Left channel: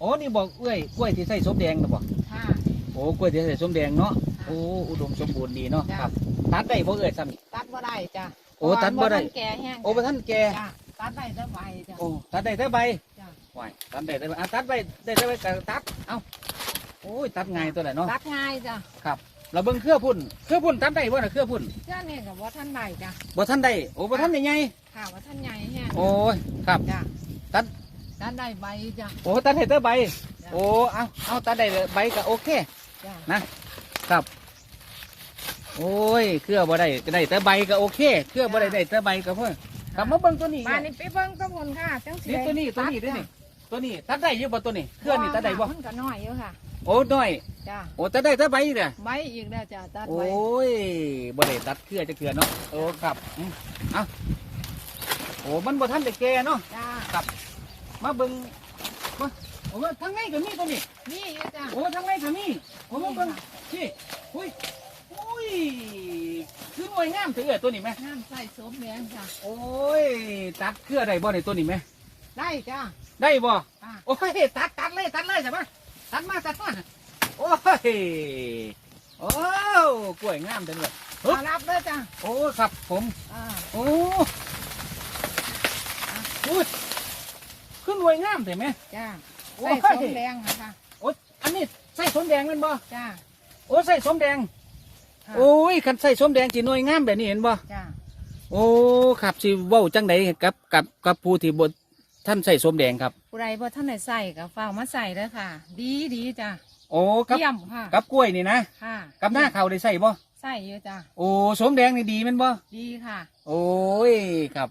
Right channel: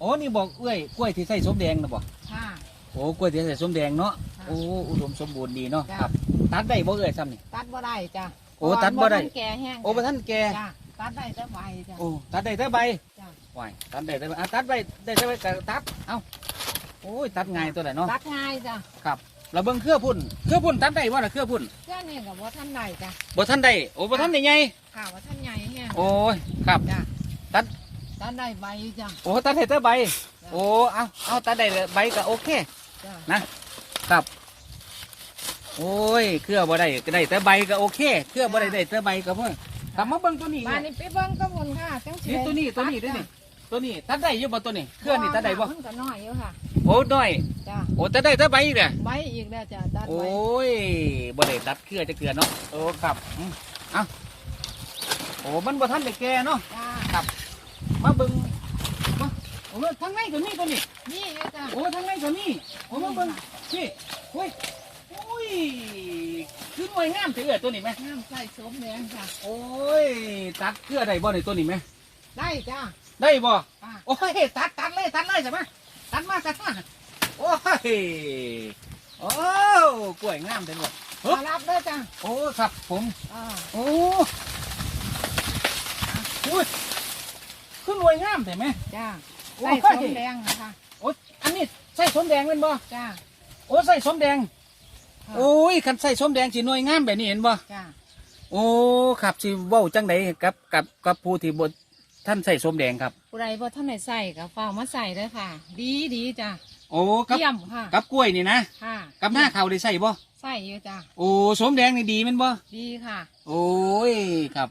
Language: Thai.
โอ้นี่บอกเอ้ยกล้วยที่ใส่ส้มแดงนะบอกค่ะ โอ้กล้วยที่ใส่ส้มแดงเนาะค่ะโอ้อุดมสมบูรณ์ดีเนาะจ้ะ ครับตัดได้บ่เอ้ยซ้ำนี่ ตัดบ่ได้จ้ะโอ้ตัดบ่ได้ เพราะว่ามันแก่แห้งโอ้บ่ท่านแก่จ้ะตัดได้แต่ใบจ้ะ โอ้ตัดได้แต่ใบจ้ะ ไหวตัดได้แต่ใบอะตัดใบได้แต่ใบก็ตัดเอ้าโอ้ยตัดง่ายตัวไหนเนาะตัดง่ายจ้ะครับเราเบิ่งเครือพุ่นเครือพุ่นตัดได้บ่น่ะเครือพุ่นเชื่อนี่กับว่าท่านใดจ้ะบ่ท่านได้โอ้บ่ท่านได้ไงค่ะว่าท่านใหญ่แห้งโอ้ยครับ จ้ะตัด ตัดได้ใบจ้ะโอ้ตัดได้แต่ใบจ้ะโอ้เอาเอาตัดได้ใบก็โอเค จ้ะครับ โอ้ยเครือบ่ได้ก็ได้แต่ใบก็โอเคเครือบ่ได้ได้แต่ใบก็เพิ่งกลับมาเบิ่งตัวนี้มาเนี่ยนี่ไปเบิ่งต้นผลค่ะจังสินี่ได้ตัวนี้ตัวนี้ด้วยนี่ตัวนี้ตัดได้อยู่บ่ตัวนี้เครือนี่ตัดได้บ่มันก็น้อยอยู่ค่ะ โอ้น้อย จ้ะโอ้ตัดได้แต่ใบอีกเนี่ยใบอีกแล้วจ้ะตัดโอ้ใบยบ่ได้ตัดเครือจะเกลือเนาะโอ้ครับอืมเอาโอ้มันบ่ทันได้แก่เนาะ จ้ะ มาเบิ่งมาโอ้ทางในก็มีตัวนี้นี่อยู่จ้ะโอ้ทางในก็มีโอ้มาเบิ่งพี่โอ้ยโอ้ยคือหน่วยงามเถือะตัวนี้ไหมน้ำใส่สมแดงค่ะโอ้ยตัดเครือได้บ่ในตัวนี้ไหมได้จ้ะได้บ่อะโอ้ยตัดตัดเลยตัดเลยใช่ไหมตัดมาตัดมาโอ้ยโอ้กล้วยงามจังเลยมารับเลยจ้ะโอ้ครับผมอ่าโอ้อุ้ย ขึ้นรวยงามเห็นไหม จ้ะโอ้ใส่ยสมแดงค่ะโอ้อันนี้ใส่สมแดงแมันบ่จ้ะโอ้ใส่สมแดง ค่ะโอ้ยคันใส่สมแดงจีหน่วยงามแบบนี้เห็นบ่ จ้ะโอ้ครับสิเว้าจังใดกับกับกับผู้ที่บท่านใส่สมแดงครับ ผู้ใดบ่ท่านไหนใส่ก็ฝ้าวมาใส่เลยค่ะ ดีดีจ้ะโอ้กับเยี่ยมค่ะกับกล้วยนี่นะค่ะกับหน้าเขาวได้ใส่บ่ ใส่เยอะจ้ะโอ้สมแดงนี่ดีแมันบ่ ดีค่ะ โอ้ยครับ